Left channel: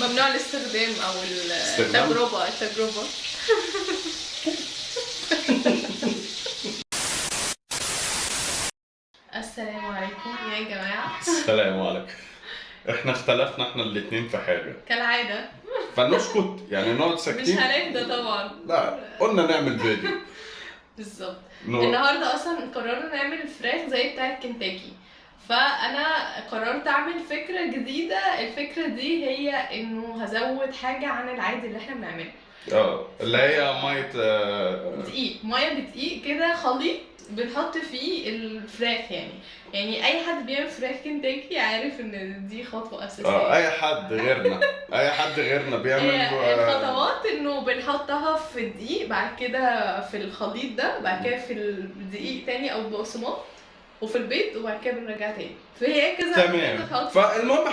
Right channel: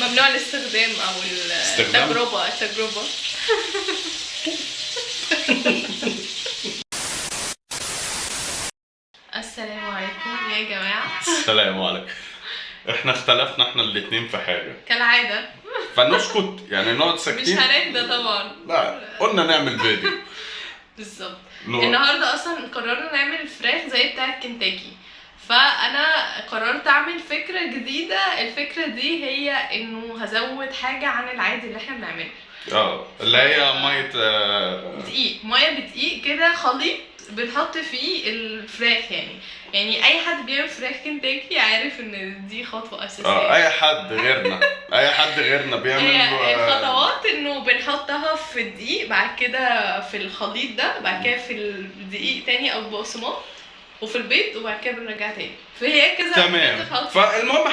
ممنوع الاستخدام او التجربه. السلام عليكم يا جماعه. السلام عليكم. احنا اختلفنا احنا الاتنين في حاجه كالعاده، فنسكت يعني نقعد مش ساكتين. هنهدى طبعا. لا قلنا نعمل فيديو. بالظبط. نور. النهارده اصلا قررنا نعمل فراخ زي بتاعه كنتاكي، فانا قررت اعمل فكره جديده. الفكره دي هي انه هزود حاجه عن العادي اللي احنا بنعمله. اللي هي ميه دقيق، ميه بدقيق كده، خليط بنحط فيه الفراخ. يعني اي حد بيعمل فراخ كنتاكي عارف ان دي خطوه اساسيه. اي حد غيرنا بيعمل. هي الخطوات انه بنحطها في الدقيق، بعد كده في الخليط ده، بعد كده في الدقيق تاني او البقسماط، وفي البيض، وبعد كده بنرجع تاني. فهي كذا تمام. فالمهم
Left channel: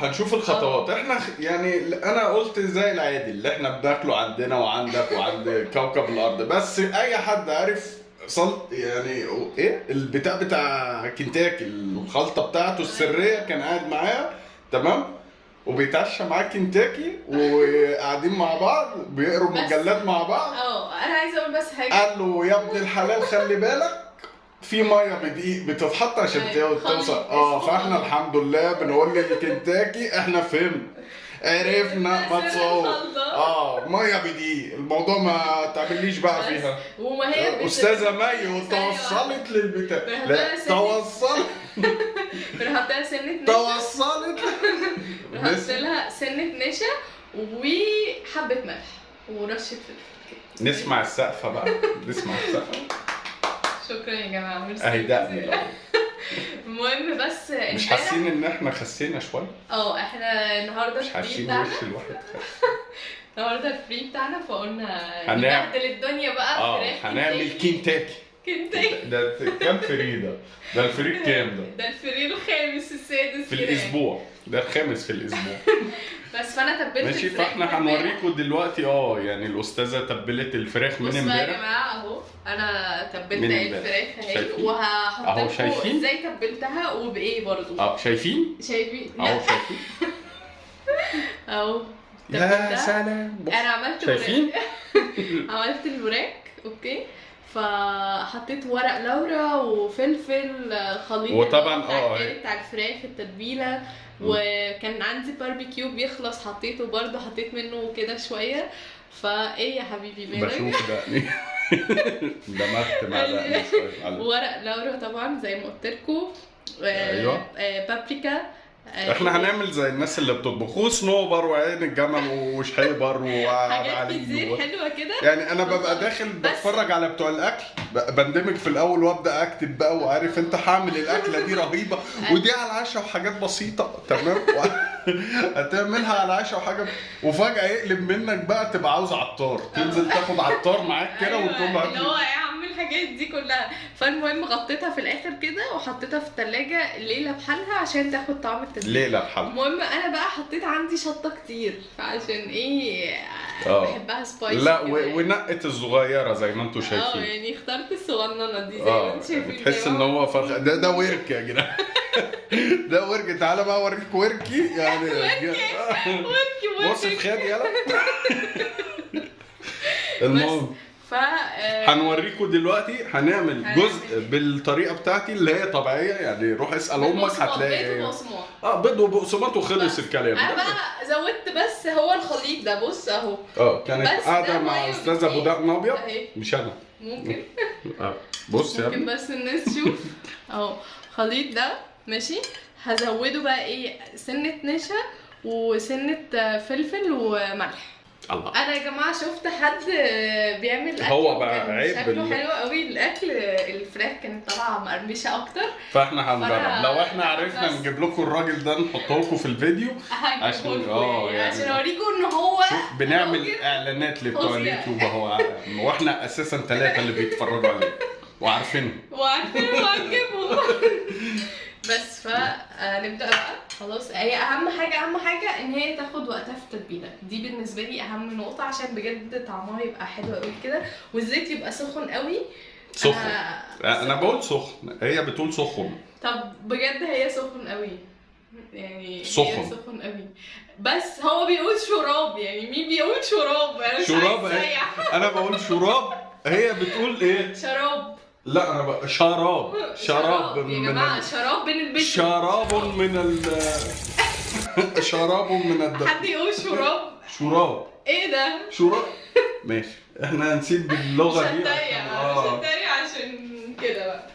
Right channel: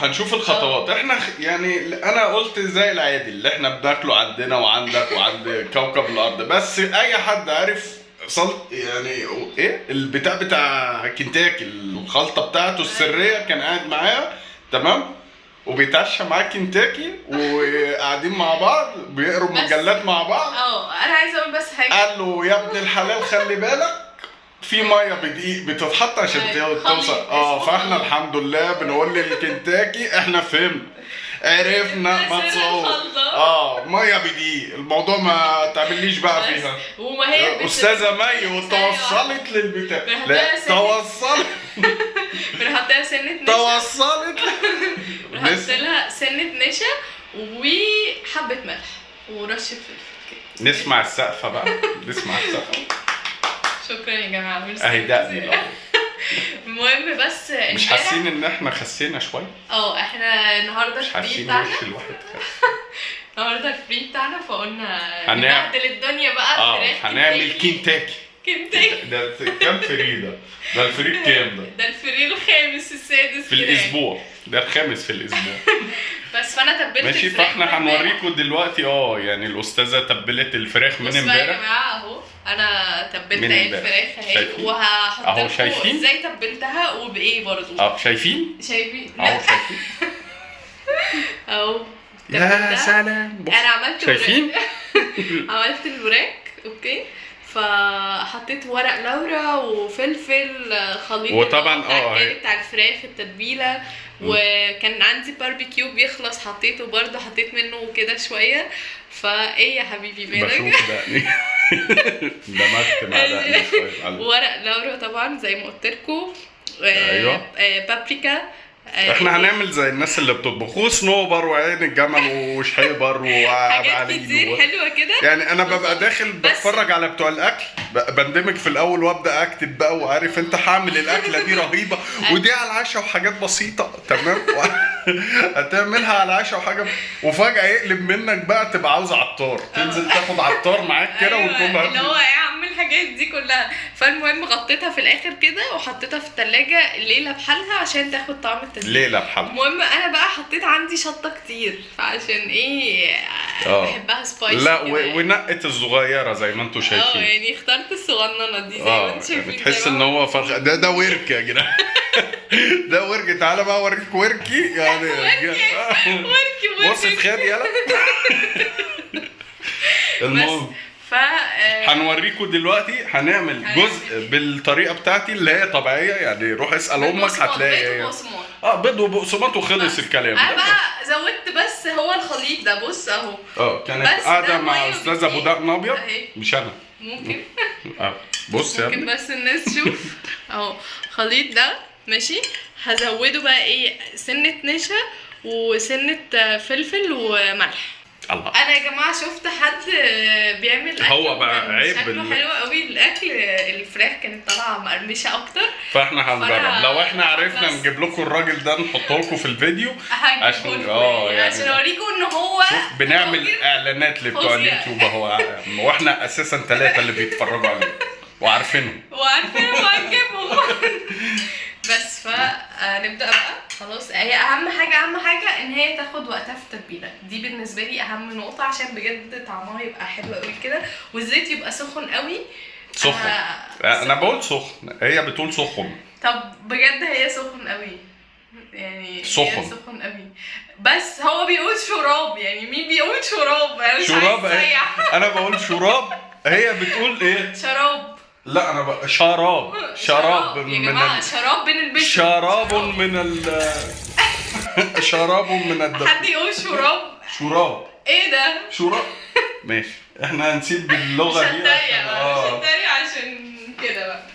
هنشوف الخطوات. احنا يعني انا قلت زي العادي اللي احنا بناكله عندنا وعندك وعند كوكب الارض، بس اي حد عارف يعني ايه البتاع بتاع كنتاكي، الخلطه بتاعته السريه، كان قاعد معايا تمام وبيتعشى معاه كنتاكي وقاعدين مع بعض بيقروا مجلات مع بعض. انا عايزه اقول بس حاجه. قال له يا ابن الحلال خلي بالك في ميه بدقيق بتتحط عشان توصل. فاحنا الحمد لله بنقول للكنتاكي احنا فهمنا عرفنا ما تصور. ميه بدقيق، الموضوع ما تعمليش بقى فيها. وما هي استاذه مي وتوصلت للبتاع. لا توصلت. بنحط لها سنه نشا. توصلت. بنحط لها سنه نشا وحبه ملح ورشه فلفل. نسمع السقفه بقى. نسمع السقفه. شكرا يا جماعه، ميرسي. اهي دقني. المهم بس مش حاسين ان احنا خسينا شويه؟ احنا النهارده مش حاسين وش الواحد النهارده الفري بتاعنا، فقلنا هنعمل نبهدل الدنيا بقى. هنعمل كنتاكي. ده كام فري ده؟ ده الفري كام ده الفري الخامس السادس في الاسبوع. ده الخامس في الاسبوع. بس فانا تبلت ماشي. فاحنا هنوريكم دلوقتي يعني الاستاذه تبلت الفراخ من امبارح. بصوا يا جماعه اهو انا تبلت الفراخ اهي، وهحط اهو شايفين ازاي تبلتها وبايه برضو. شايفين اهو شايفين اهو. يا سلام. انا عملت شايفين عملت الوراك. اوكي، فحطيت ورق لورا وفلفل خليط، وطبعا بتاع الفراخ التتبيله. وكان عندي باربيكيو بيخلص، حطيته برضه، حطيت منه كده شويه. فايه يا حبيبي مالك؟ بشوف دقني. دمجت مع دقني شويه. ورق لورا طبعا زي ما قلت لكم. ايوه. بابريكا. احنا هنعمل زي الناس اللي بتطبخ، وصنوبر وعين الجمل وشحيبر حاجات كتير حلوه كده. يعني انا ببقى داخل بتفرج على بتوع الاكل، بندمج في الاول وابدا اكتب بقى، وعارف انت هعمل الاكله دي رهيبه ودي على العشاء وحاجات بسيطه تمام. هتعملها على العشاء وحاجه، وفجاه يقلب منك بقى تبقى عاوز عطار، تنزل تاخد عطار معاك كده وتقول له اللي هو ايه يا عم الحاجات دي كلها. فالمهم غطيتها في الاخر كده وحطيتها في الثلاجه ليله بحالها عشان تاخد طعم التتبيله. ليله بحالها. المهم انا بقى حطيت عندي شطه كتير، فعشان ايه بحبها سبايسي. لا ونقت الصغيره زي ما انتم شايفين. يعني اخترت الصغننه دي زي ما انتم شايفين. تحس ان هو فرخ. ده ورك يا جدعان. ده ورك. تعالى بقى اوريك وركي يعني. وركي بص في خد يلا. المهم هنوريكم دلوقتي. هنعمل جزء بالطريقه بتاعتي اللي هي طبيعيه، يعني روح اسال امك هتلاقي بيض وبقسماط وخلص الكلام. انا بقى زودت بس هو الخليط ده. بص اهو. كانت قاعده مع استاذه ابو دقن ابيض، مش انا. ممكن. بص يا ممكن بس الناس تشوف. اهو خليط ده ماشي. هزوده بقى ايه، سنه نشا وسنه فلفل وملح. الله. انا يا جماعه شفت حد بيعمل اكل هو بقى عيب شكله حلو قوي الاكل. الفراخ كانت طالعه مقرمشه اكتر، فاحنا هنجرب. لو احنا عرفنا نجيب لكم الراجل ده نحطه لكم في الفيديو عشان يعني عشان اوريكم ان هو بنعمل اعلانات لبتوع اليوتيوب اهو. واحنا اساسا 3 اللي بيتفرجوا عليه وعارفينهم وهنجيبهم. بس فنبدا بقى. خلاص، هي اهم حاجه ان هي تاخد وقتها في التتبيله دي. بالنسبه لي اهم نقطه عشان بجد طعمها يبقى حلو قوي كده، والزيت يبقى سخن قوي. انا بقول سخن، هي بتقول سخن. طب بجد هي سخن قوي. يعني سخن. سخن قوي. بس هو بيقول شراب، يعني مين بيقول شراب؟ انا مش شراب عايز ايه؟ أسيح. انا بقول شراب، هي بتقول ايه؟ شراب. لا انا بقى شراب. شراب يا من جماعه شراب بنلبسه. شراب من شراب من حد يقول شراب؟ شراب. ايه ده؟ شراب. ماشي، احنا هنسيب مش اللغه دي هتريق بقى، مش عشان هتريق عشان كده بقى.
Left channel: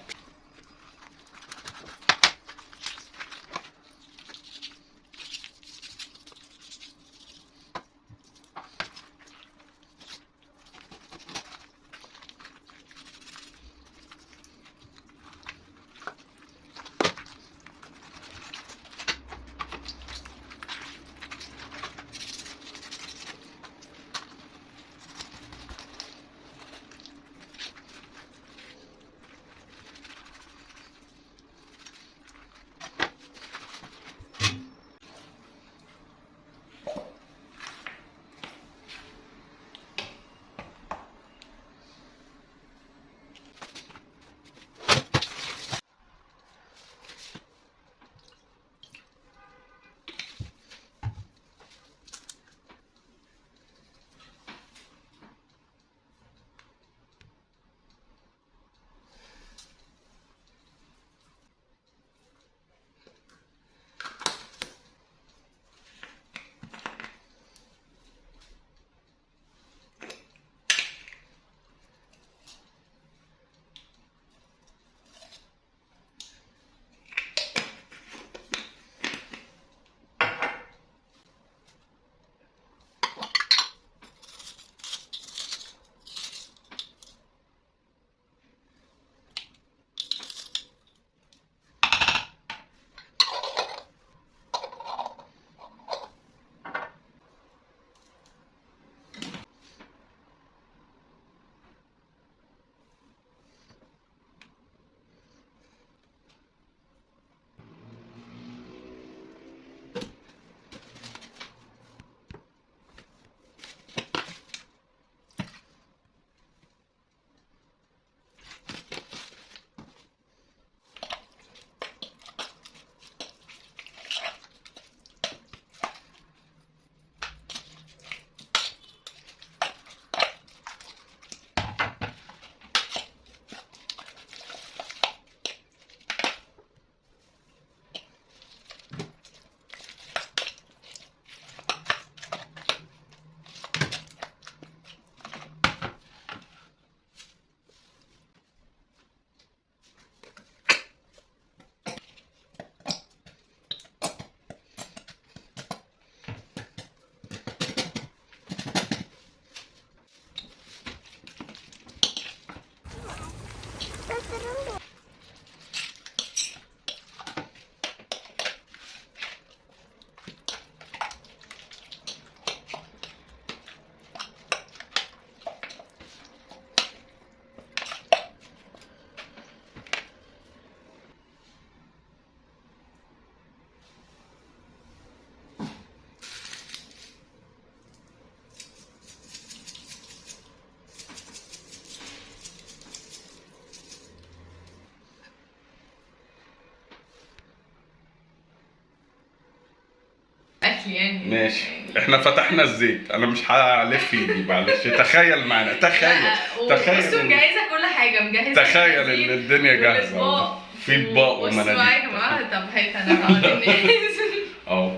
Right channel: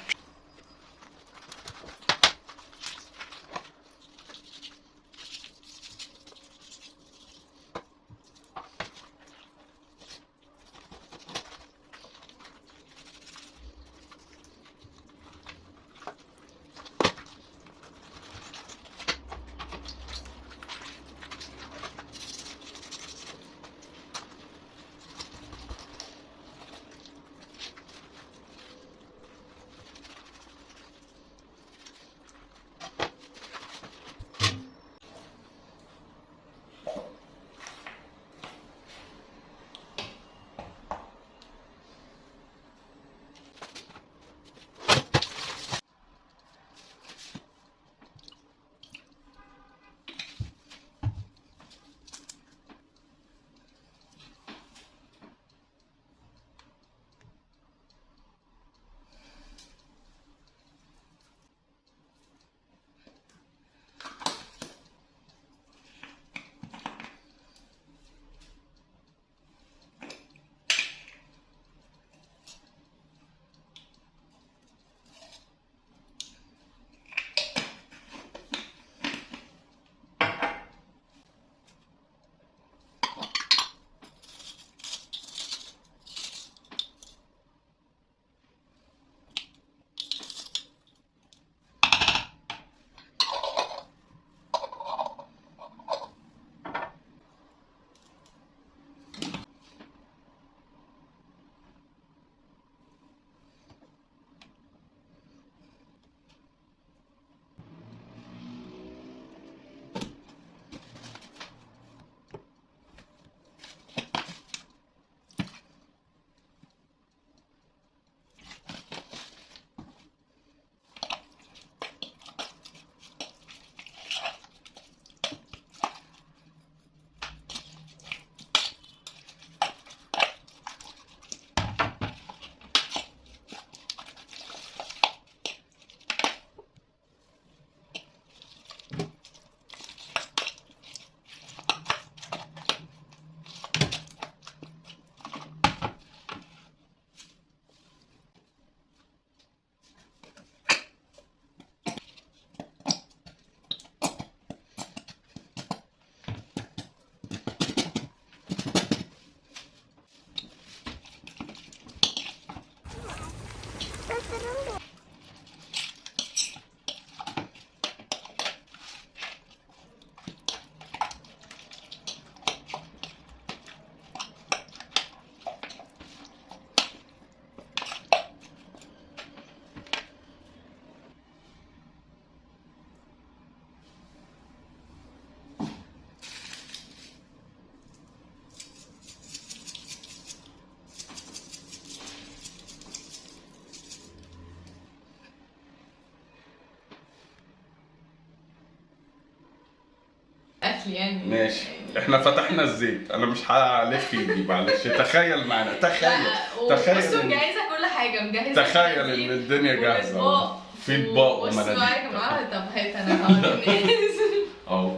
اكل يعني. ماشي، احنا فتحنا الزيت، انا مش هلف ايدي معلش. تخيل معانا، تخيل بصوا تخيل مجهزه كل حاجه، مجهزه تخيل ان الدنيا جاهزه واطباق. في اطباق بصوا بقى يا ومناديل. جماعه، طب هات انا هقعد اهو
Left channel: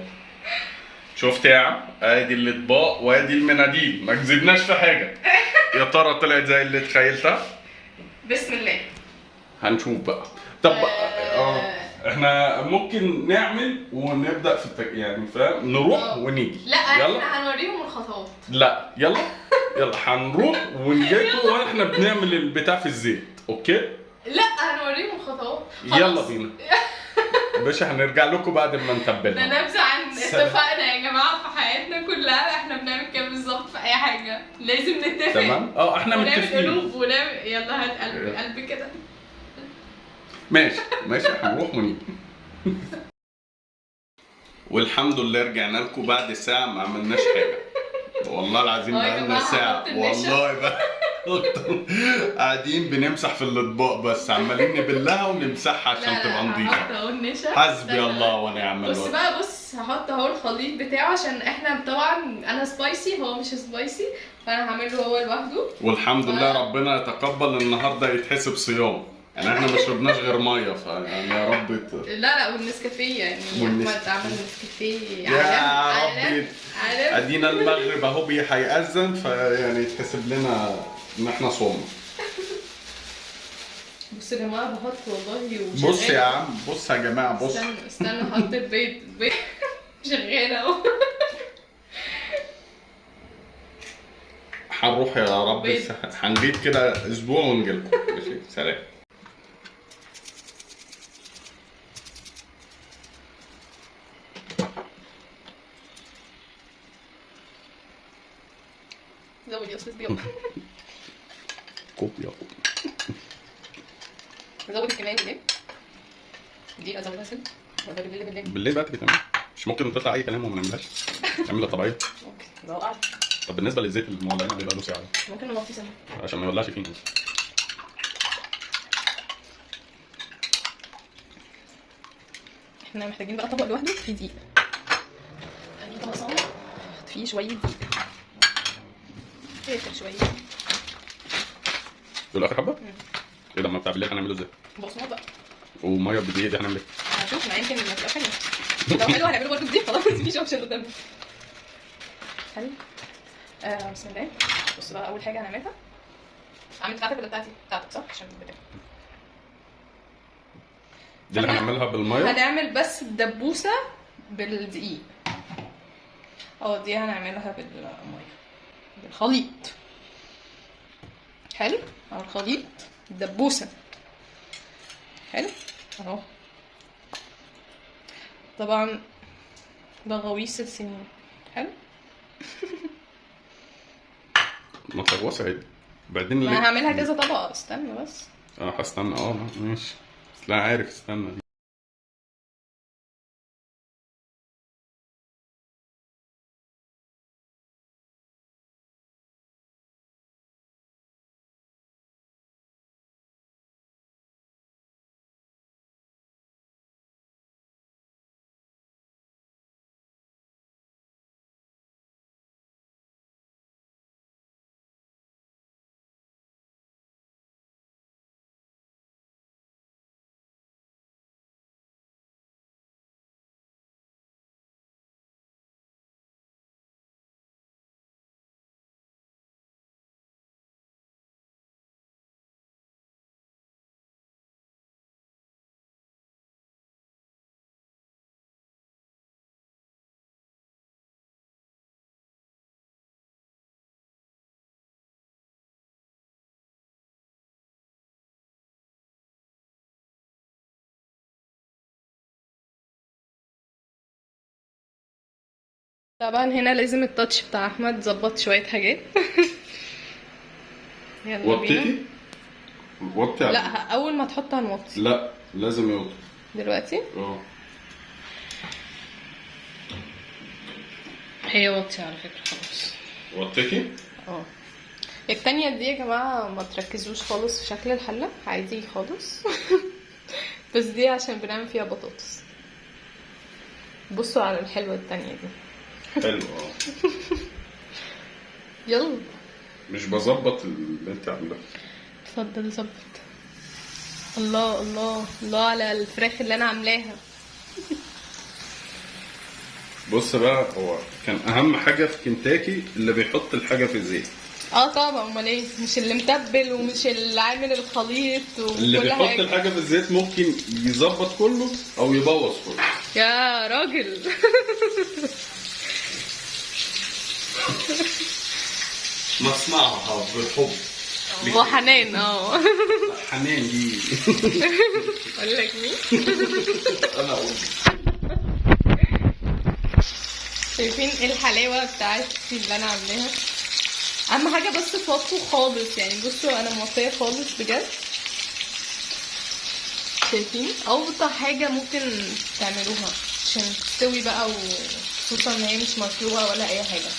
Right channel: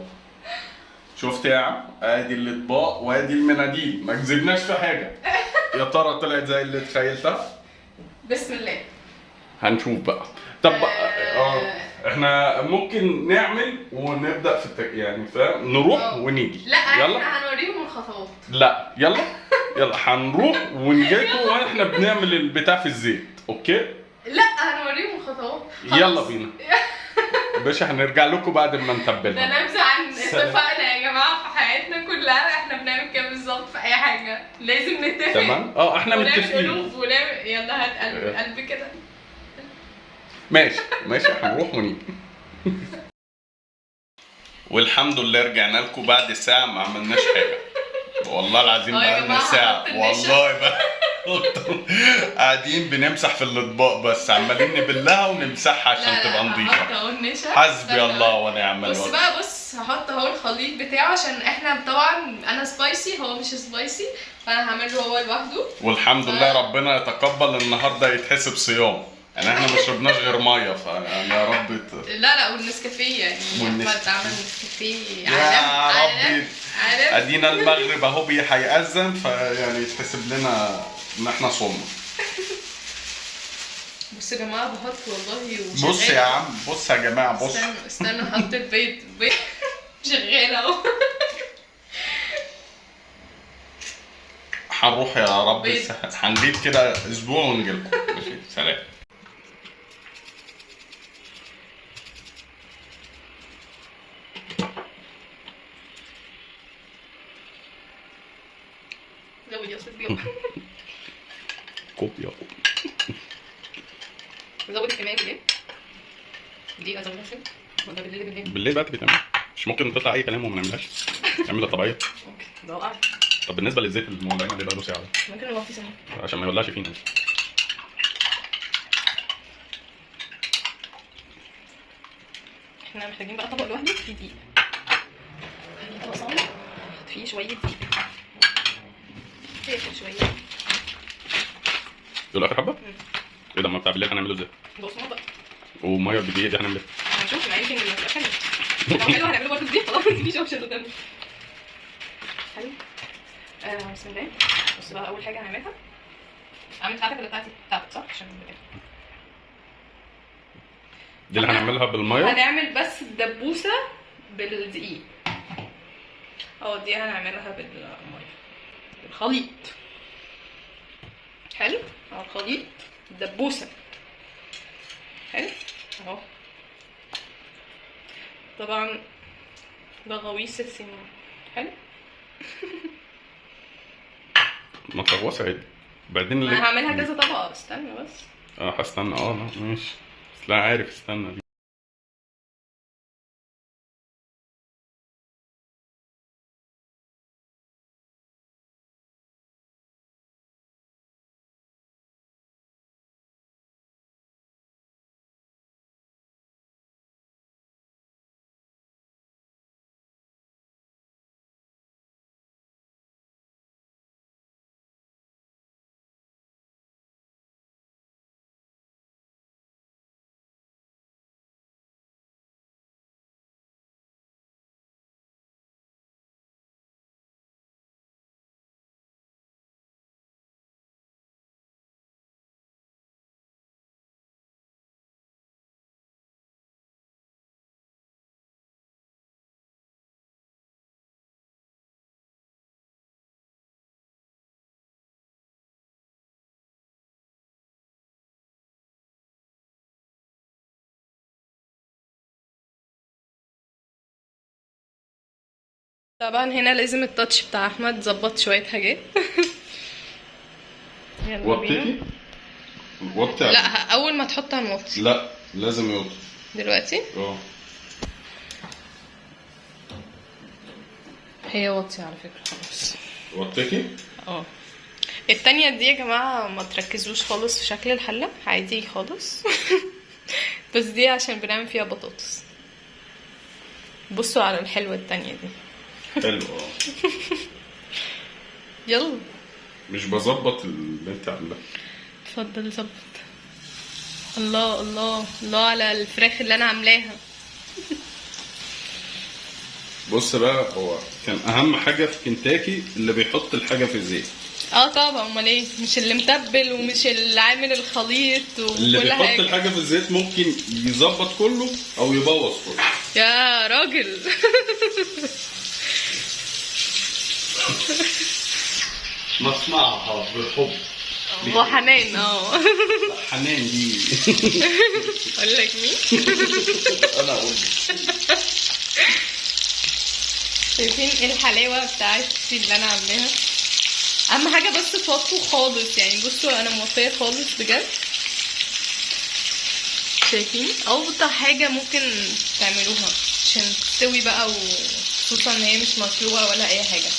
شفت يا عم، ادي الاطباق وادي المناديل، ما كذبناش في حاجه. يا ترى طلعت زي اللي تخيلتها؟ بسم الله. هنشوف بقى. طب احنا ممكن نعمل ونبدا في يعني فاهم، نروح ونيجي. لا يلا احنا هنوريهم الخطوات. لا يلا يلا هنروح ونجيكم واحنا بنعمل البتاع في الزيت. اوكي لا هنوريهم الخطوات. يلا بينا باشا، هنرجع لكم بعد ما ده نتبلها. نبذه عن اتفقنا يا جماعه في حياتنا كلها احنا بنعمل كده بالظبط في اي حاجه، لازم نتفق. تمام احنا ونعمل متفقين. قلوب ونعمل يلا هات قلب قلب كده. ماشي ماشي هنروح ونيجي. والحمد لله رجعنا لكم بعد ساعة ما عملناش حاجة. والله العظيم بقالنا ساعة والله بقى. قاعدين بنمسح في الاطباق بس، عمالين نبلها ونمسحها عشان تبقى هحط نظيفه. اهو النشا. حسبي الله ونعم بص الوكيل. بقى، بص هحط اهو الخليط بتاعه عشان احنا طبعا انا سبايسي هو مش سبايسي، فانا هعمله هو لوحده. والحمد لله ربنا يتقبل النهارده يتحسب صيام، يعني احنا ما شربناش غير ميه، فيعني يا رب لا والنسكافيه يعني احمد عمل نسكافيه يا ربي. عارف ادينا المغرب اهو هيأذن، فيعني يتحسب لنا ان احنا صومنا. بصوا يا جماعه بحط والله بص يا عم، بص يا جماعه، بص. استنى احط البيض شغاله اهو. هنروح يا رب بيض. هنجيب كده اسبوع ونجيلكم. ماشي، سلام. زود يا استاذ بيض. كوبيا. زود كمان دي ازودها سم ولا بالليل؟ بالليل بقى بتعمل، مش ممكن تطلع اي كلام وما نعملهاش، نعملها طبيعيه. اوكي ده وقع. طب بالنسبه للزيت المولعين اللي بقى له ساعه ممكن نوطي سنه عشان ما يولعش فينا. احنا محتاجين بقى طبق لوحده فيه دقيق. هنجيب طبق صغير نحط فيه شويه دقيق، شويه دول اخر حبه. ايه ده؟ ما بتاع بالليل هنعمله ازاي؟ بقسماط بقى وميه بالدقيق دي هنعمل ايه؟ هنشوف، ما يمكن يبقى حلو. لو حلو هنعمله برضه بدقيق، خلاص مفيش اوبشن قدامنا. حلو. بسم الله. بص بقى، اول حاجه هنعملها، اعمل بتاعتك ولا بتاعتي؟ بتاعتك صح عشان دي اللي هنعملها بالميه. هنعمل بس الدبوسه بالدقيق. دي هنعملها بالميه بالخليط. حلو. الخليط الدبوسه. حلو اهو. طبعا ده غويص السنين. حلو. ما تغوص عادي. بعدين انا هعملها كذا طبقه، استنى بس. هستنى. ماشي. بس لا عارف، استنى دي. طبعا هنا لازم التاتش بتاع احمد ظبط شويه حاجات. يلا بينا. وطي. لا اول ما تحط هنوطي. لا لازم يوطي دلوقتي. هي وطي على فكره خلاص. وطيتي. التانية دي يا جماعه ما تركزوش خالص في شكل الحله، عادي خالص. بس دي عشان بنعمل فيها بطاطس. بصوا على الحلوه التانية دي. حلو. يلا. مش بظبط اللي انت عاملاه. اتفضل ظبط. الله الله الله على الفراخ اللي انا عاملاها. بص بقى، هو كان اهم حاجه في كنتاكي اللي بيحط الحاجه في الزيت. طبعا، امال ايه؟ مش اللي متبل ومش اللي عامل الخليط اللي وكل بيحط حاجه. الحاجه في الزيت ممكن يظبط كله او يبوظ كله. يا راجل. نصنعها بالحب وحنان. حنان دي. اقول لك مين؟ انا اقول. شايفين ايه الحلاوه بتاعتي اللي انا عاملاها؟ اهم حاجه بس توطوا خالص، يعني بصوا انا موطيه خالص بجد. شايفين اوطى حاجه ممكن تعملوها عشان تستوي بقى، وخصوصا ان هي مش مسلوقه ولا اي حاجه.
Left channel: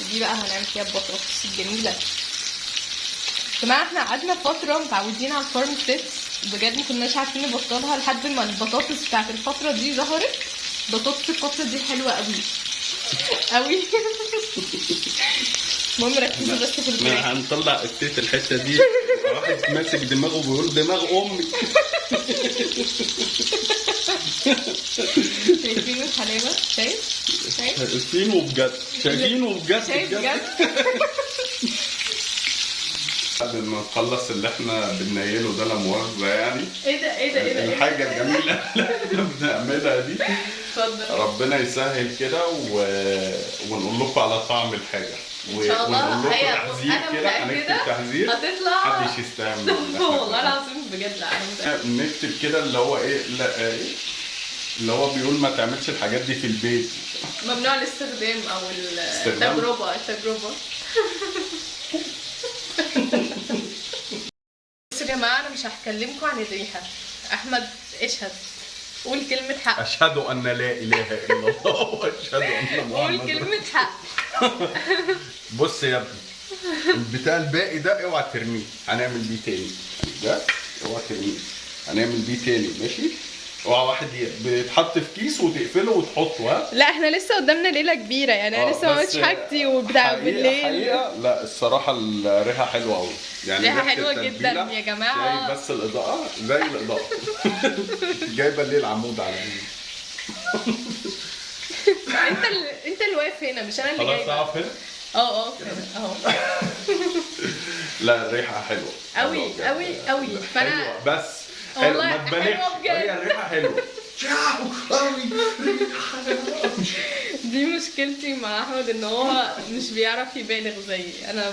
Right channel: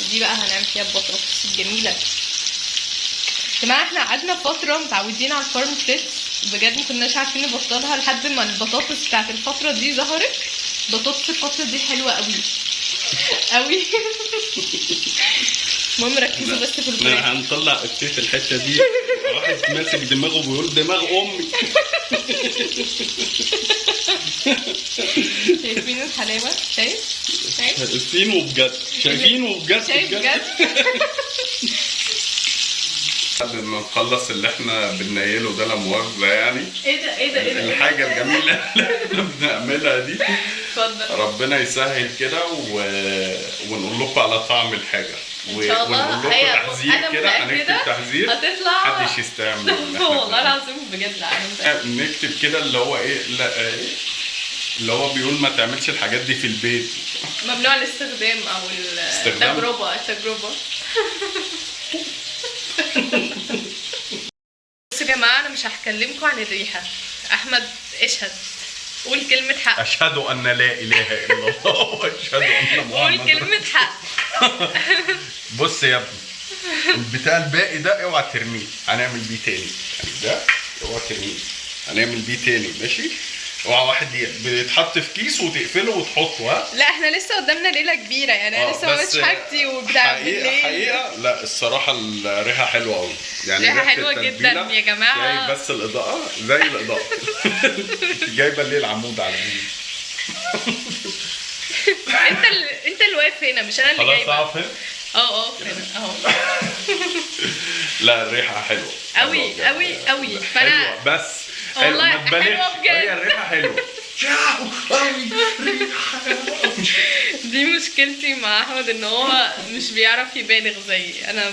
ودي بقى هنعمل فيها البطاطس الجميله. جماعه احنا قعدنا فتره متعودين على الفارم فريش، بجد ما كناش عارفين نبطلها لحد ما البطاطس بتاعت الفتره دي ظهرت. بطاطس الفتره دي حلوه قوي قوي. المهم ركزوا بس في الفراخ. هنطلع السيف الحته دي. واحد ماسك دماغه بيقول دماغ امي. شايفين الحلاوه؟ شايف؟ شايفين وبجد، شايفين وبجد، شايف بجد. بعد ما نخلص اللي احنا بننيله ده لا مؤاخذه يعني. ايه ده ايه ده ايه ده؟ الحاجه الجميله اللي احنا بنعملها دي. اتفضل. ربنا يسهل كده ونقول لكم على طعم الحاجه. ان شاء الله. ونقول لكم هي تحذير كده، هنكتب تحذير هتطلع محدش يستعمل. والله العظيم بجد لا. نكتب كده اللي هو ايه، لا ايه اللي هو بيقول ما تعملش الحاجات دي في البيت. ممنوع الاستخدام او التجربه. بصوا يا جماعه، انا مش هكلمكم عن الريحه. احمد اشهد، قول كلمه حق. اشهد ان لا اله الا الله واشهد ان محمد قول كلمه حق. بص يا ابني، البتاع الباقي ده اوعى ترميه، هنعمل بيه تاني. يعني ده اوعى ترميه، هنعمل بيه تاني ماشي. اوعى واحد بيتحط في كيس وتقفله وتحطه. ها لا احنا لسه قدامنا ليله كبيره يعني. انا لسه ما عملتش حاجتي وبتاع بالليل. حقيقه لا الصراحه الريحه حلوه قوي يعني. ريحه حلوه جدا يا جماعه. جاي بس الاضاءه زي الاضاءه. جايبه ليه العمود على مين؟ انت اللي واقف هنا مش انا اللي جايبه. خلاص اقف هنا. اقف هنا اهو. لا الريحه حلوه قوي قوي قوي. فانا حلوه بس والله ما تبالغش. حلوه بجد. هي الريحه حلوه. دي مشكلتي مع احمد، ان هو مش بيعرف يبالغ زي انا.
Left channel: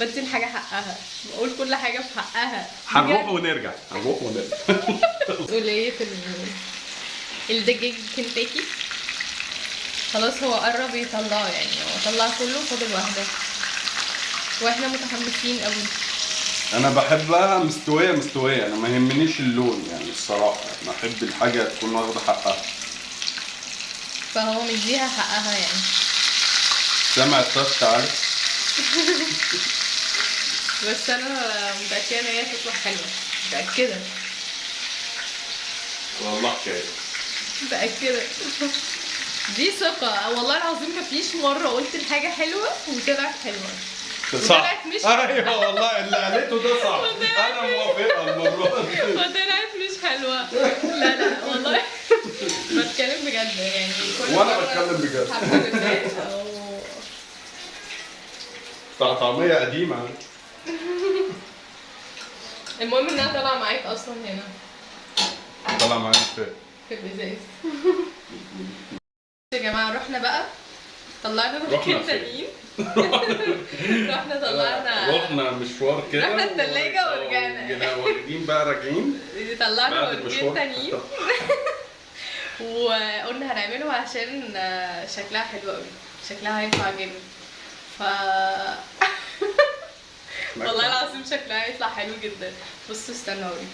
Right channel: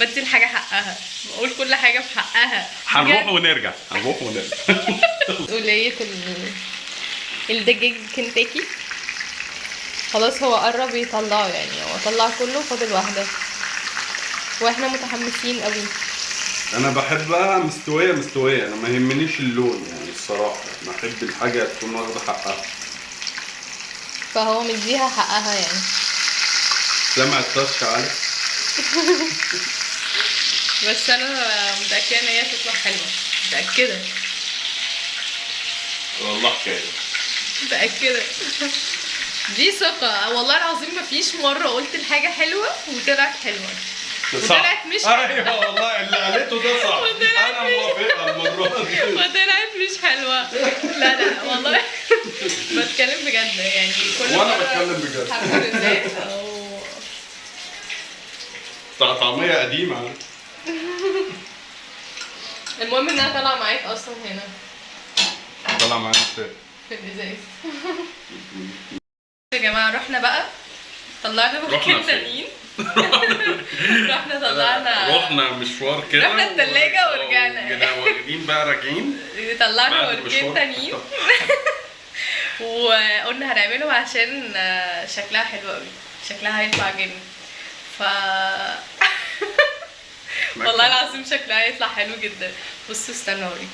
بدي الحاجه حقها، بقول كل حاجه في حقها. هنروح ونرجع. مسؤوليه الدجاج كنتاكي خلاص هو قرب يطلعه يعني. هو طلع كله، فاضل واحده واحنا متحمسين قوي. انا بحبها مستويه. انا ما يهمنيش اللون يعني الصراحه. انا احب الحاجه تكون واخده حقها. فهو مديها حقها يعني. سامع الطاسه تعالى. بس انا متاكده ان هي تطلع حلوه، متاكده والله حكايه. متاكده. دي ثقه والله العظيم. مفيش مره قلت الحاجه حلوه وطلعت حلوه وطلعت مش حلوه. ايوه والله اللي قالته ده صح. انا موافقه المره دي. وطلعت مش حلوه. لا والله بتكلم بجد يعني. كل وانا مرة بتكلم بجد. حبة ازاي طعميه قديمه. المهم انها طالعه معاك اصلا هنا. طلع معايا في الازاز. يا جماعه رحنا بقى طلعنا مكان تانيين. رحنا طلعنا. رحنا مشوار كده. رحنا التلاجة ورجعنا. جينا واخدين بقى راجعين. طلعنا وركين تانيين. وقلنا هنعمله عشان شكلها حلو قوي. شكلها هيطلع جامد. والله العظيم شكلها هيطلع حلو جدا. بصوا استنى اوريكم.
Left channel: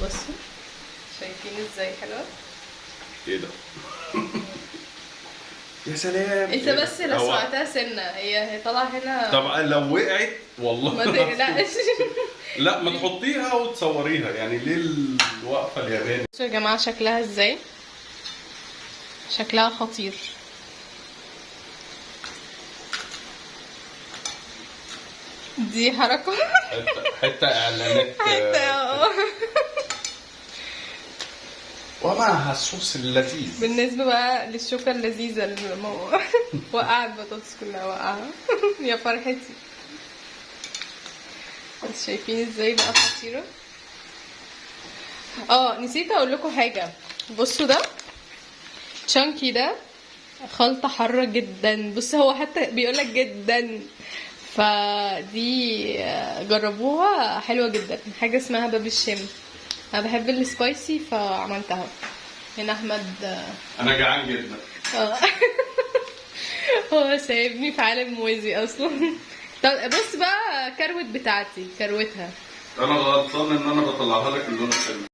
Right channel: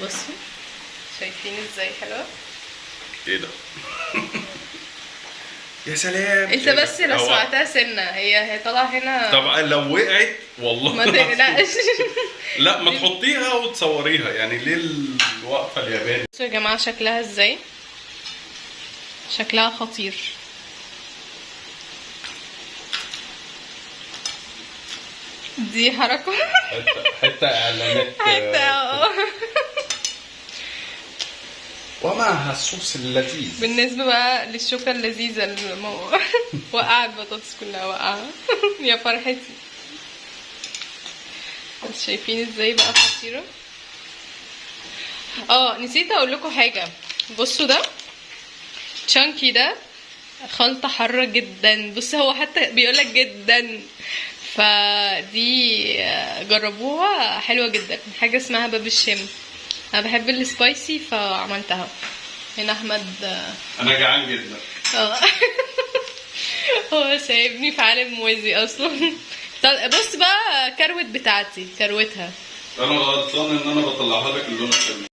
بصوا شايفين ازاي حلوه؟ ايه ده؟ يا سلام. انت بس لو سمعتها سنه هي طالعه هنا. طبعا لو وقعت والله ما تقلقش. لا ما تحطيها وتصوريها يعني. ليه الوقفه الياباني؟ بصوا يا جماعه شكلها ازاي. شكلها خطير. دي حركه. حته اعلانات. ومعها الصوص اللذيذ. بالنسبه بقى للشوكه اللذيذه اللي وقعت البطاطس كلها وقعها. يا فرحتي. شايفين ازاي بقى خطيره. نسيت اقول لكم حاجه. بصوا ده تشانكي ده خلطه حاره جدا. بص هو حتى بيقولك جدا. فدي جربوها حلوه جدا. حاجه اسمها باب الشام. انا بحب السبايسي فعملتها. هنا احمد انا جعان جدا. هو سايبني في عالم موازي اصلا. بص بقى كروت بتاعتي كروتها. انا غلطان ان انا بطلعها لك اللون الحلو.